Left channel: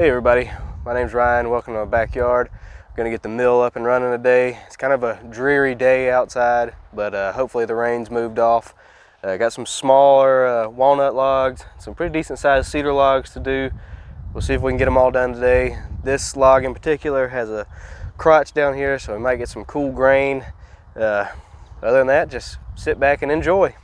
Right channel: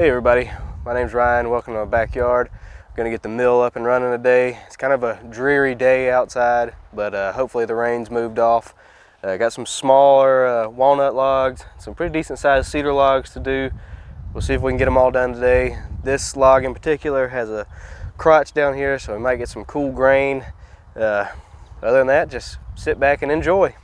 Hey everybody, my name's Ryan. Welcome to my backyard. I'm gonna get the mill up and running today. It's kind of a dreary day outside, but hopefully the rain's moved off. Got some smaller walnut logs, some pretty decent sized cedar logs to do. We'll see if we can get them all done today. This log in particular has a crotch down here, so we might get some cool grain. Other than that, just sit back and enjoy.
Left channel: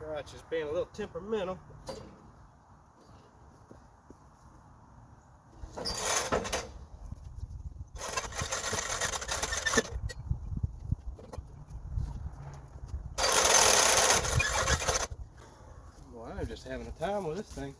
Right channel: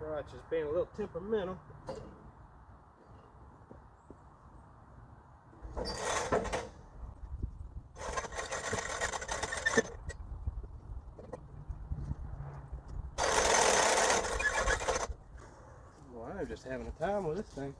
Crotch is being a little temperamental. Well, I'm just having a time with this thing.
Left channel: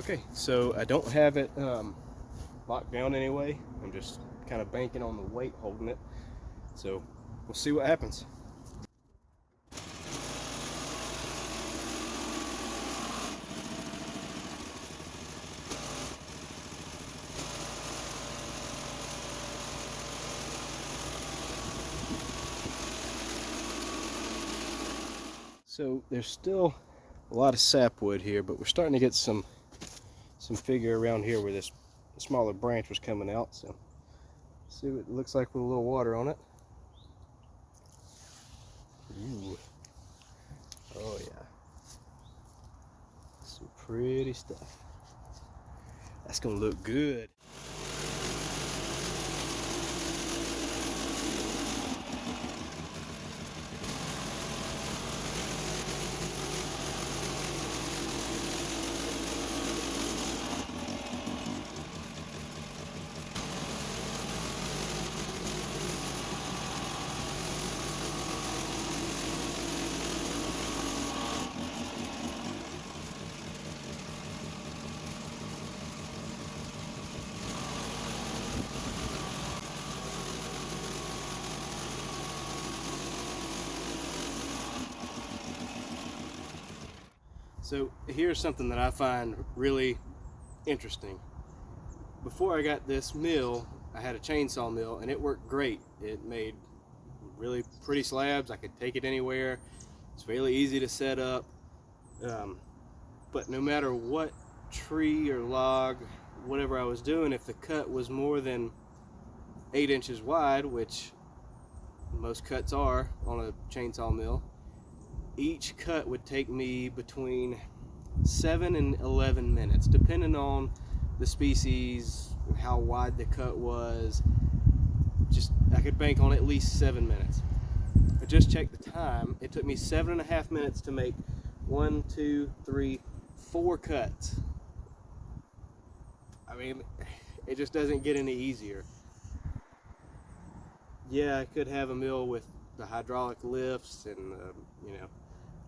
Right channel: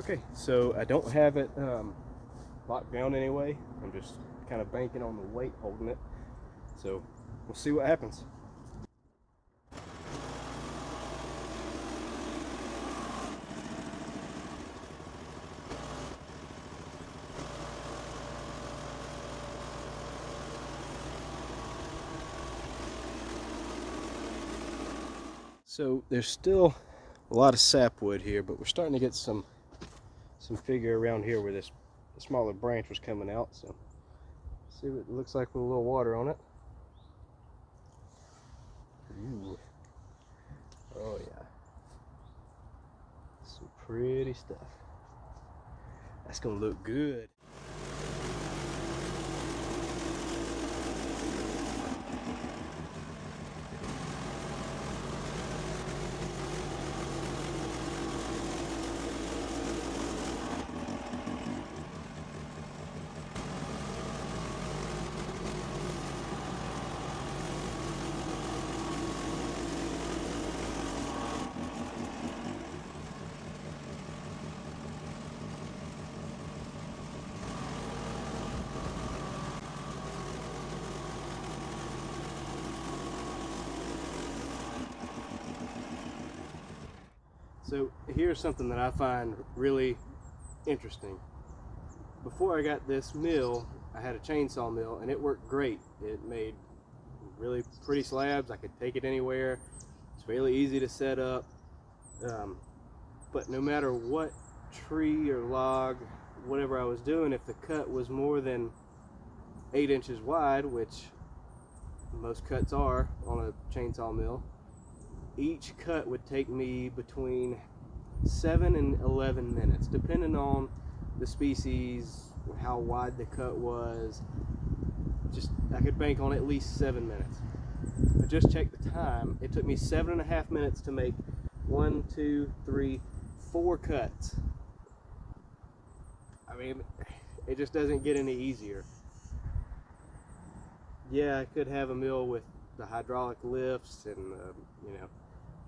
Okay, so I don't have it locked down anyway. I'm just kind of banking on the weight holding it. So we'll see what happens. So there's still a lot of sapwood here, but we're starting to get some figure around here where this smaller branch was coming out. So see what it looks like with a little water on it. Ooh. Oh yeah. Some pretty stuff. That's gonna look good. So here's something that I find really interesting. Before I got this mill, I had a chainsaw mill and it worked great. It made really pretty slabs. I could take it anywhere. It's fairly easy to set up. But no matter what tree or log, whatever I was doing, if the cut was more than 8 inches wide, which most cuts are on a chainsaw mill, each cut would take me between 7 and 11 minutes, depending on the species, how wide the cut was. I could bank on at least 7 minutes. I just checked the time. It took me 7.5 minutes to make 1, 2, 3, 4 cuts. I mean, it just doesn't get any easier. Yeah, I could have a mill with the hydraulic lifts and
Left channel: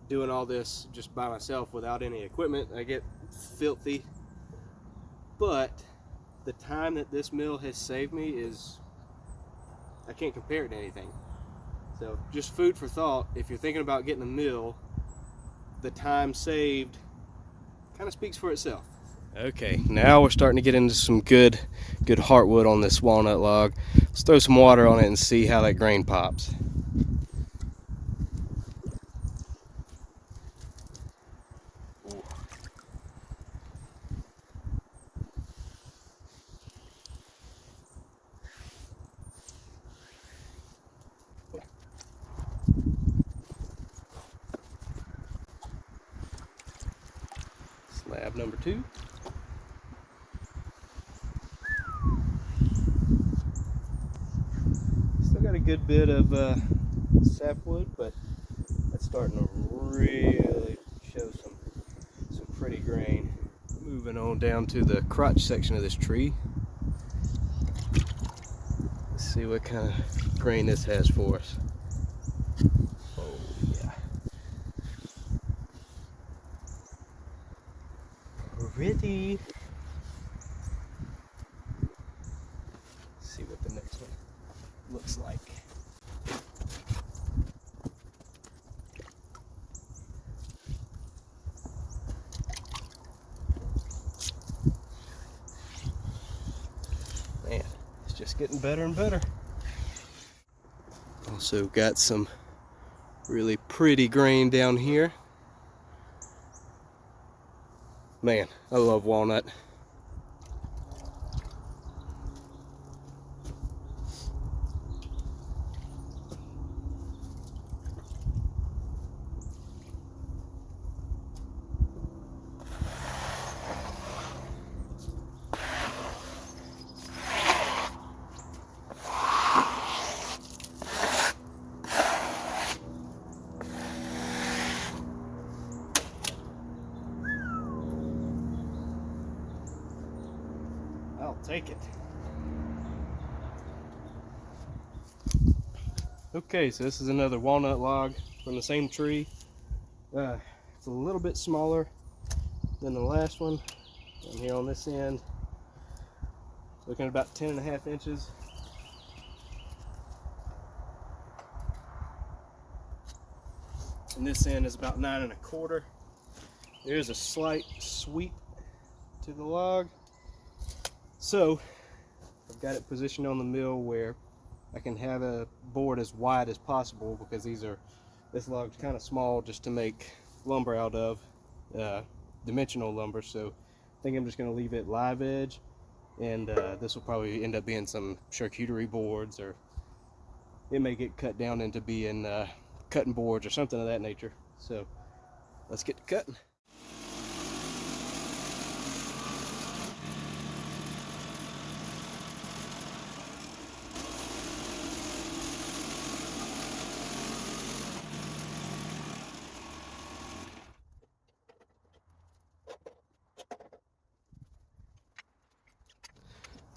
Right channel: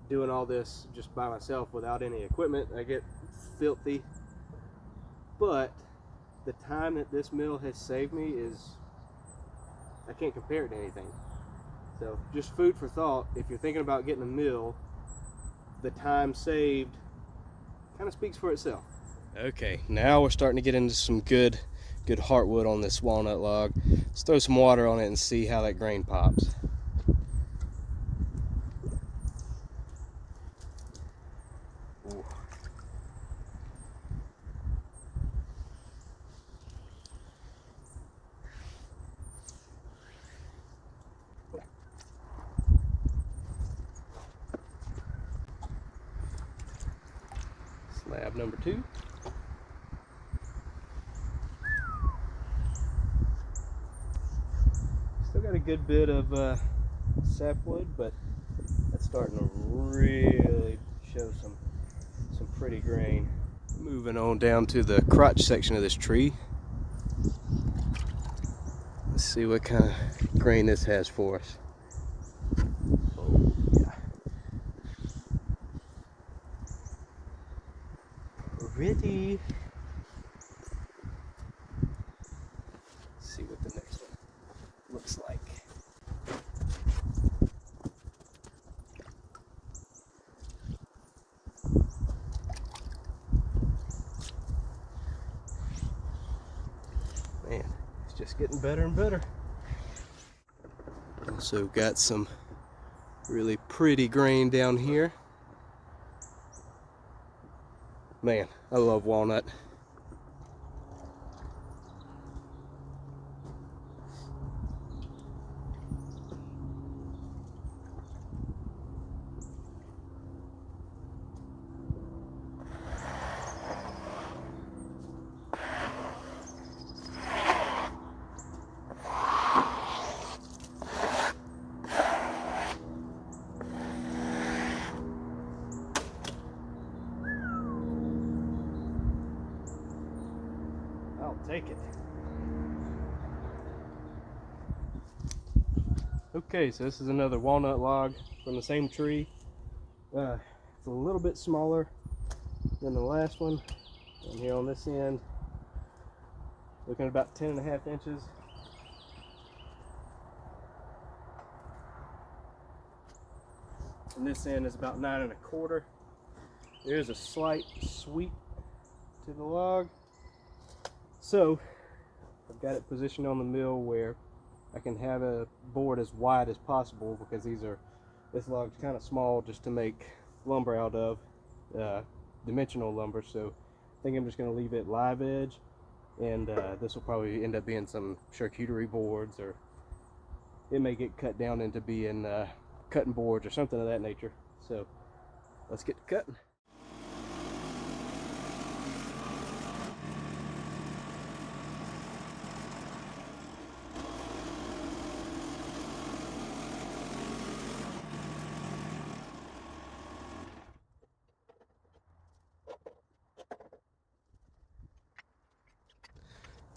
doing all this just by myself without any equipment. I get filthy, but the time that this mill has saved me I can't compare it to anything. So just food for thought. If you're thinking about getting a mill, the time saved kind of speaks for itself. Okay, now we're starting to get into some good heartwood on this walnut log. Let's throw some water on it and see how that grain pops. Ooh. Slab number 2. pretty good bit of sapwood, but that's starting to really show some pretty grain. Moving on down to the crotch section of this tree. Let's see what kind of grain this has for us. Oh yeah. Pretty. Let's see what the next one looks like. Man, it's just getting better and better. Also got some really pretty grain down here. Man, I love walnut. I'll take it. Okay, so this is another walnut log from the same tree. It's a little bit smaller than the last one. Down here on this end, looking at about 10.5 inches. And this end is about 9.25. There's a slight sweep to the log. So I've got it positioned on the mill where I can have a board as wide as possible, because this log's kind of small just to make lumber out of, dimensional lumber. So I think I'm just going to leave it live edge, and this will probably end up being some charcuterie boards, or it may get cut down into being cutting boards or something of that nature. So let's get to cutting.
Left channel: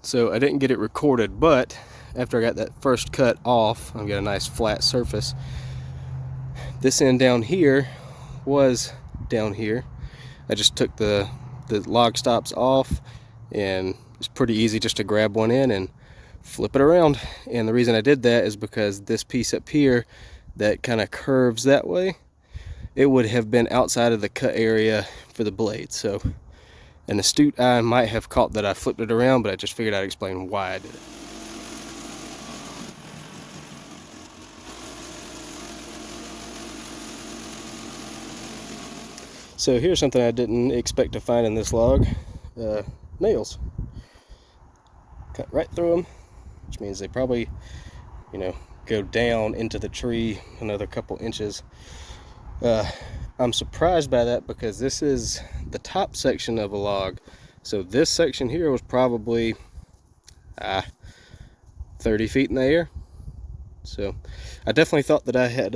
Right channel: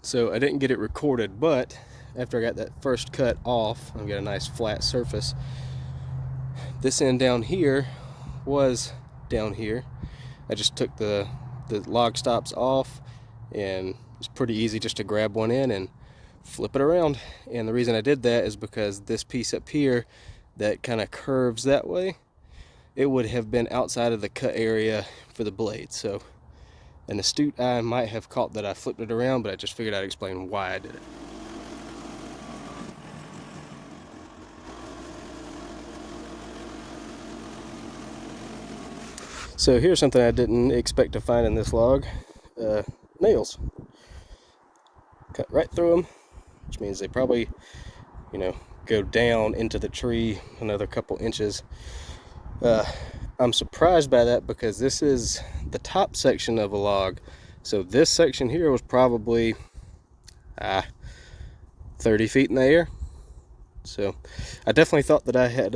So I didn't get it recorded, but after I got that first cut off, I've got a nice flat surface. This end down here was down here. I just took the log stops off, and it's pretty easy just to grab one in and flip it around. And the reason I did that is because this piece up here that kind of curves that way, it would have been outside of the cut area for the blade. So an astute eye might have caught that I flipped it around, but I just figured I'd explain why I did it. So here's something I didn't expect to find in this log. Nails. Cut right through them, which means they probably, go down into the tree another couple inches. I'm surprised by that, because this is the top section of a log. So this section here was probably 30 feet in the air. So I definitely thought that I had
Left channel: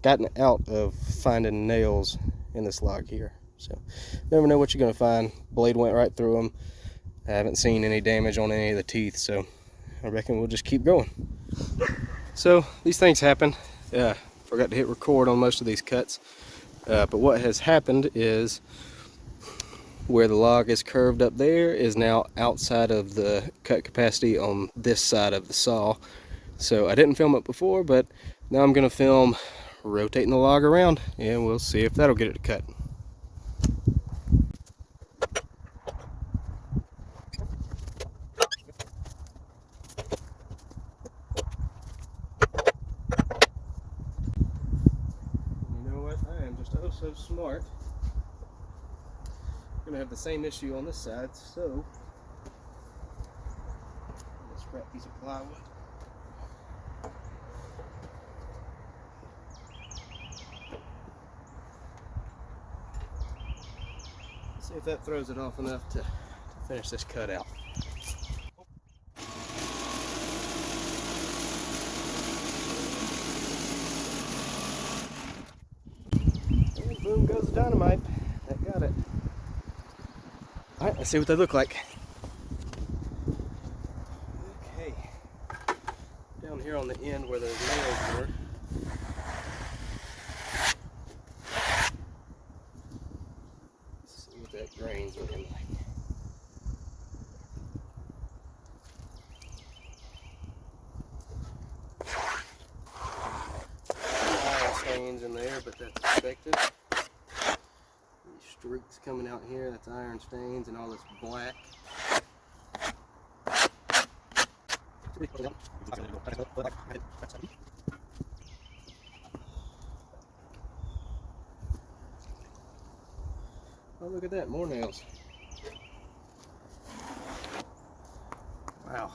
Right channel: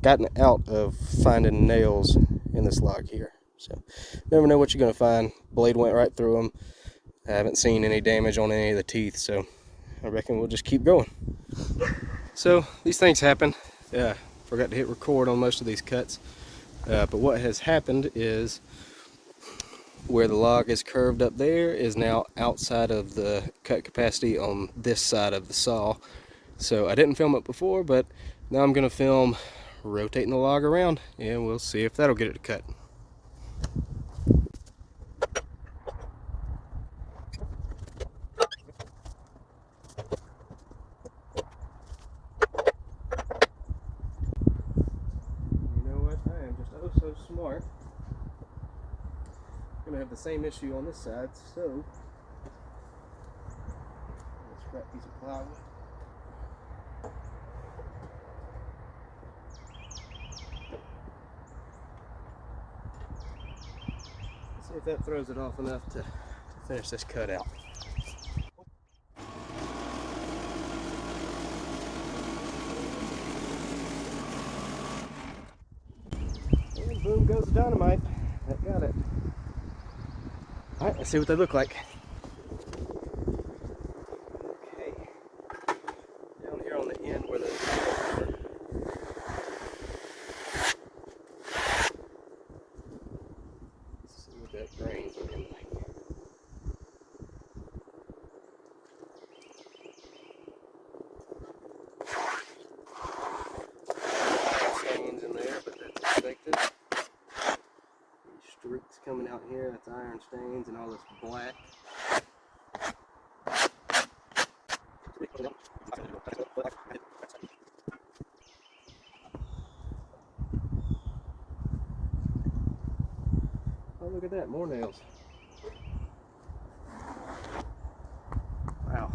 gotten out of finding nails in this log here. So never know what you're going to find. Blade went right through them. I haven't seen any damage on any of the teeth, so I reckon we'll just keep going. So these things happen. Forgot to hit record on most of these cuts. But what has happened is, where the log is curved up there is now outside of the cut capacity on this side of the saw. So I didn't film it before, but now I'm going to film rotating the log around, and we'll see if that'll get it to cut. You know what? I am just oh so smart. I'm going to have the same issue on this side, so let's scrap a piece of plywood. See if that throws it off enough to finish this cut out. Boom goes the dynamite. That got it. Alright, let's see what they look like. Okay. Down here on the end where those nails were. Let's see what that grain's looking like. Stains in there, but that's expected. These streaks coming out here, that's iron stains, and all this black. Oh, look at that, more nails. Wow.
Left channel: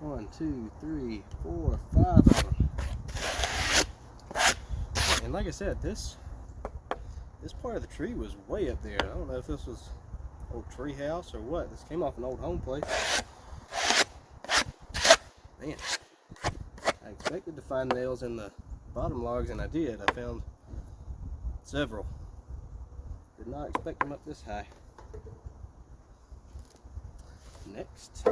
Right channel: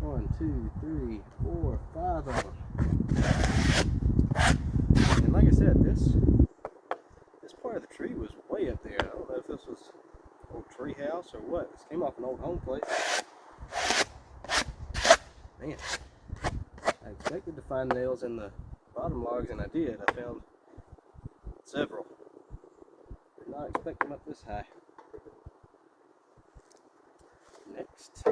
1, 2, 3, 4, 5 of them. And like I said, this part of the tree was way up there. I don't know if this was an old tree house or what. This came off an old home place. Man, I expected to find nails in the bottom logs, and I did. I found several. Did not expect them up this high. Next.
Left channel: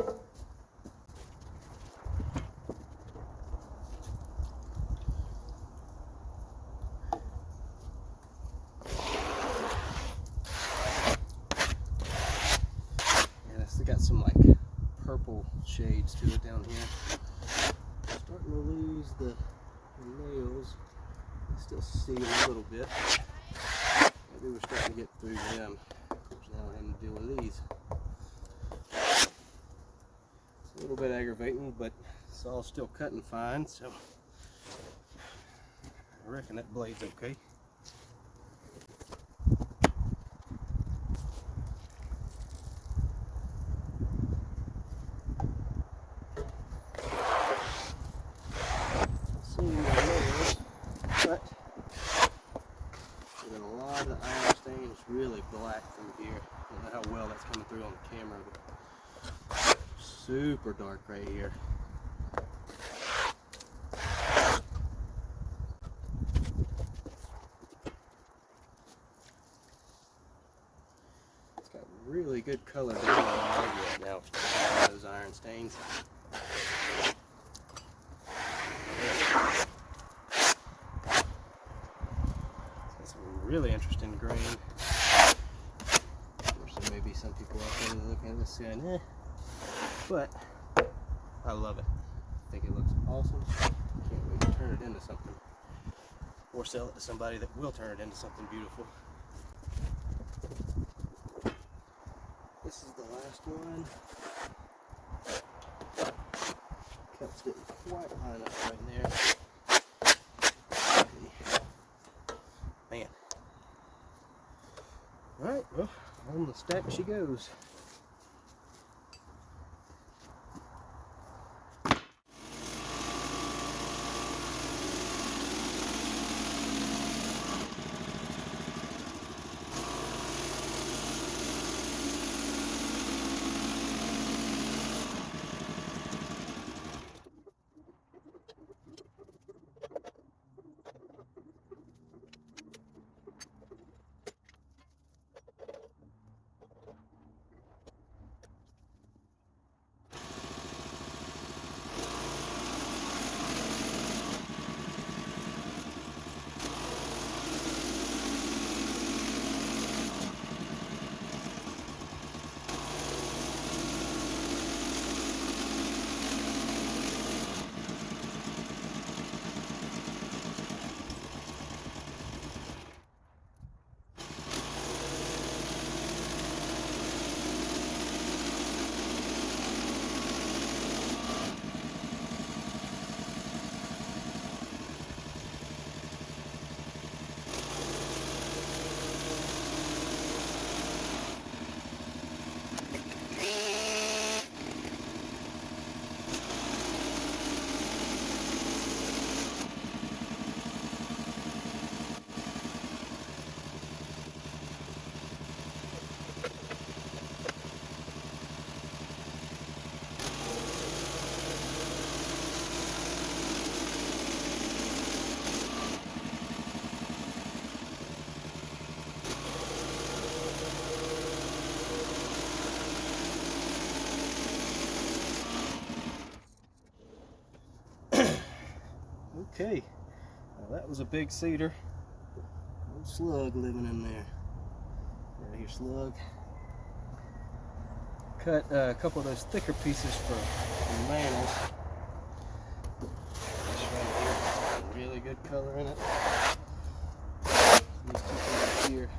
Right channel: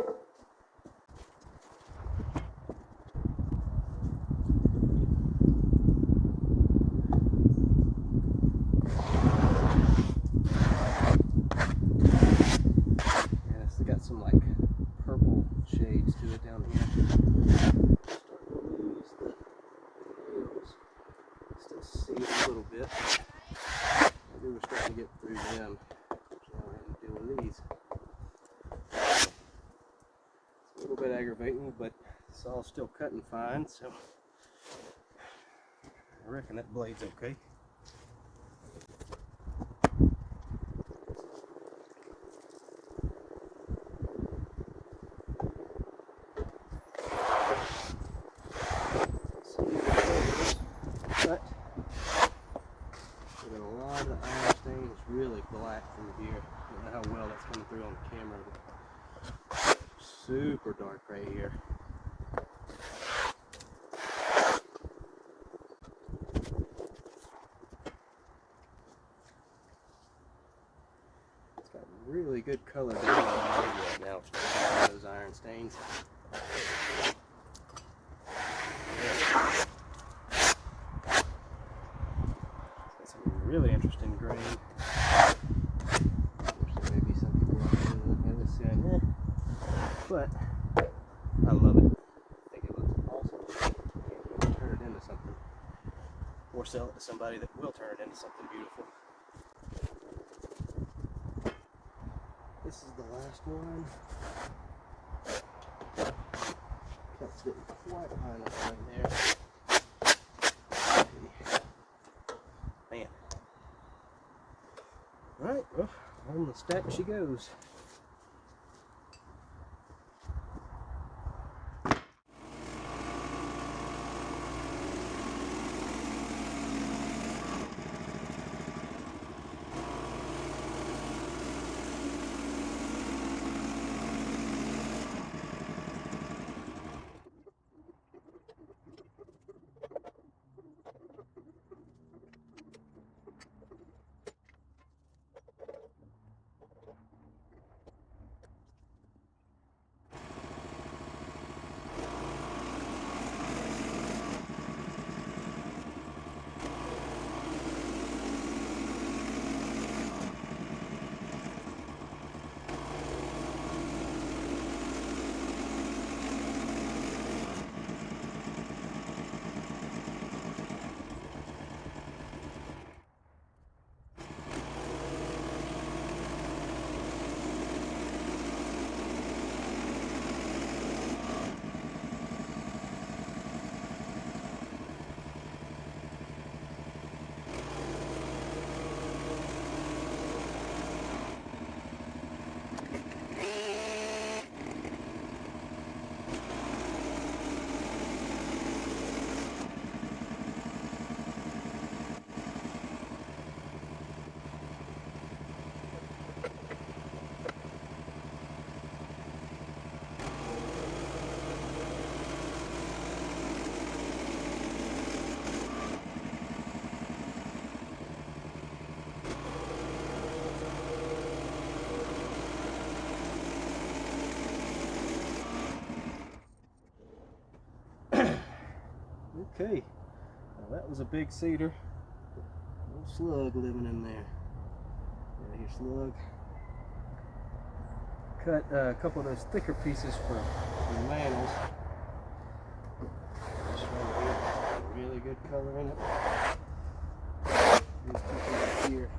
Got some like purple shades to it down here. Starting to lose the nails. Still see a little bit. Maybe we're starting to get through them. Of course, now we're having to deal with these. It's a little bit aggravating, but it's all still cutting fine, so I reckon that blade's okay. But a lot of the iron stain is really black through here. I don't know how well that's coming through on the camera, but super dark right here. It's got really good color down there now. Those iron stains. Really interesting grain. Of course, there may be some people out there looking at this saying, eh, but I love it. I think it looks awesome. Can't wait to turn it into something, or sell it to somebody that will turn it into something beautiful. This is the last one. Cut's getting quite high enough right there. Man. Alright, well, on the stack she goes. Okay, now that was a big cedar. Little slug living in there. Yeah, here's slug. Cut a couple of those thicker pieces for mantles. This right here, really good color in it. These two pieces here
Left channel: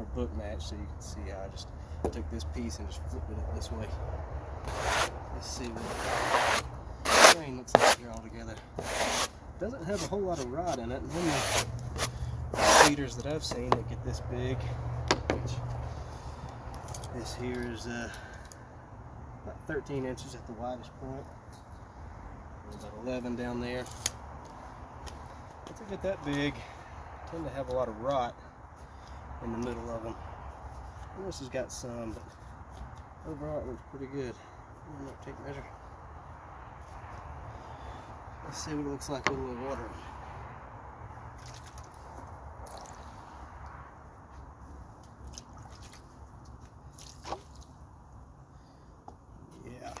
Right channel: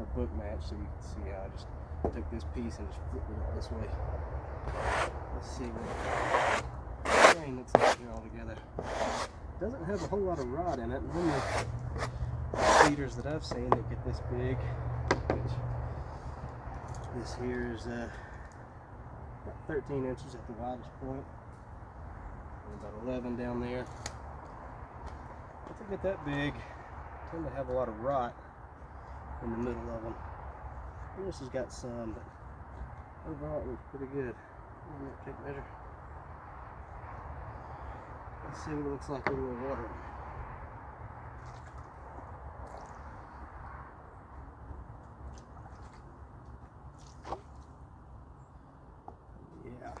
are book matched, so you can see how I just took this piece and just flipped it up this way. Let's see what the grain looks like here all together. Doesn't have a whole lot of rot in it. Normally, cedars that I've seen that get this big, which this here is about 13 inches at the widest point, and about 11 down there. Once they get that big, they tend to have a lot of rot in the middle of them. This has got some, but overall it looks pretty good. I'm going to take a measure. Let's see what it looks like with a little water. Yeah.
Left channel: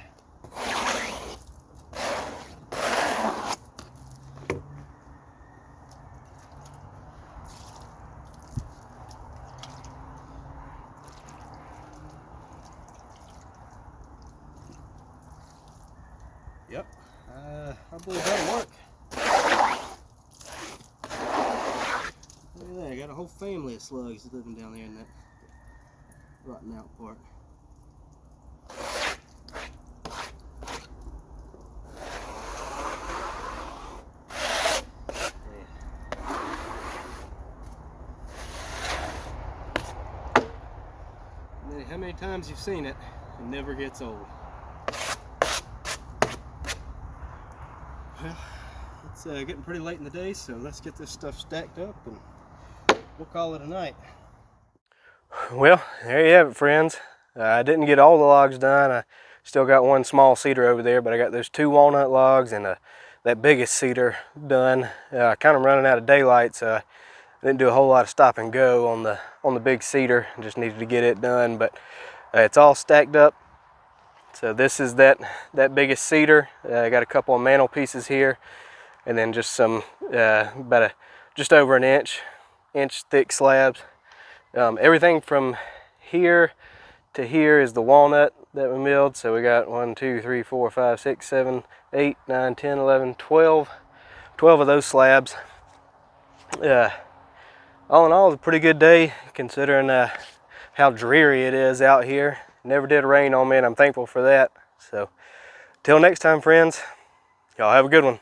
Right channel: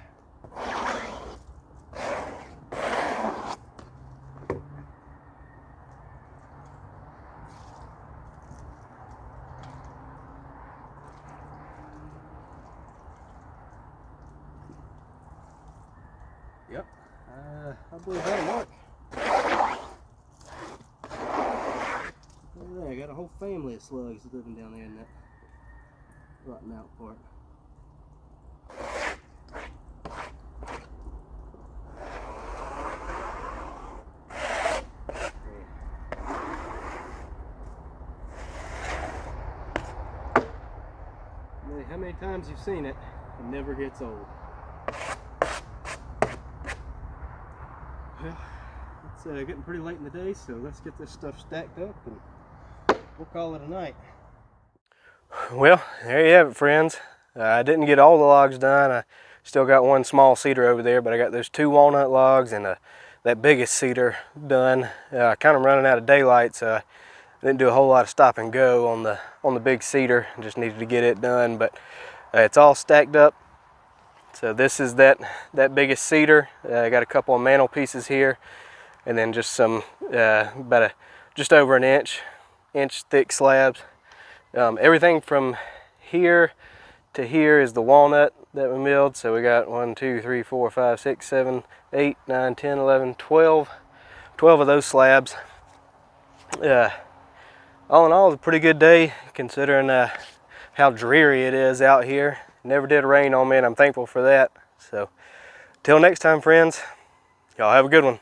Yep. I believe that'll work. Look at that, I got a whole family of slugs living down there in that rotten out part. How many times you've seen it, it never gets old. Well, it's getting pretty late in the day, so let's get this stuff stacked up and we'll call it a night. Well, there you have it, friends. I didn't get all the logs done. I still got one small cedar over there, but I got those 2 walnut logs and that biggest cedar done. Kind of running out of daylight, so I didn't do a whole lot of stop and go on the big cedar. Just needed to get it done, but it's all stacked up. So this is that biggest cedar. I got a couple of mantle pieces here, and then just some just over an inch thick slabs. Everything from here to here is the walnut that we milled. So we got 1, 2, 3, 4, 5, 6, 7, 8, 9, 10, 11, 12 of those slabs. All in all, it's a pretty good day considering how dreary it is out here. Never did rain on me, and I'm thankful for that. So, till next time, friends, y'all have a good one.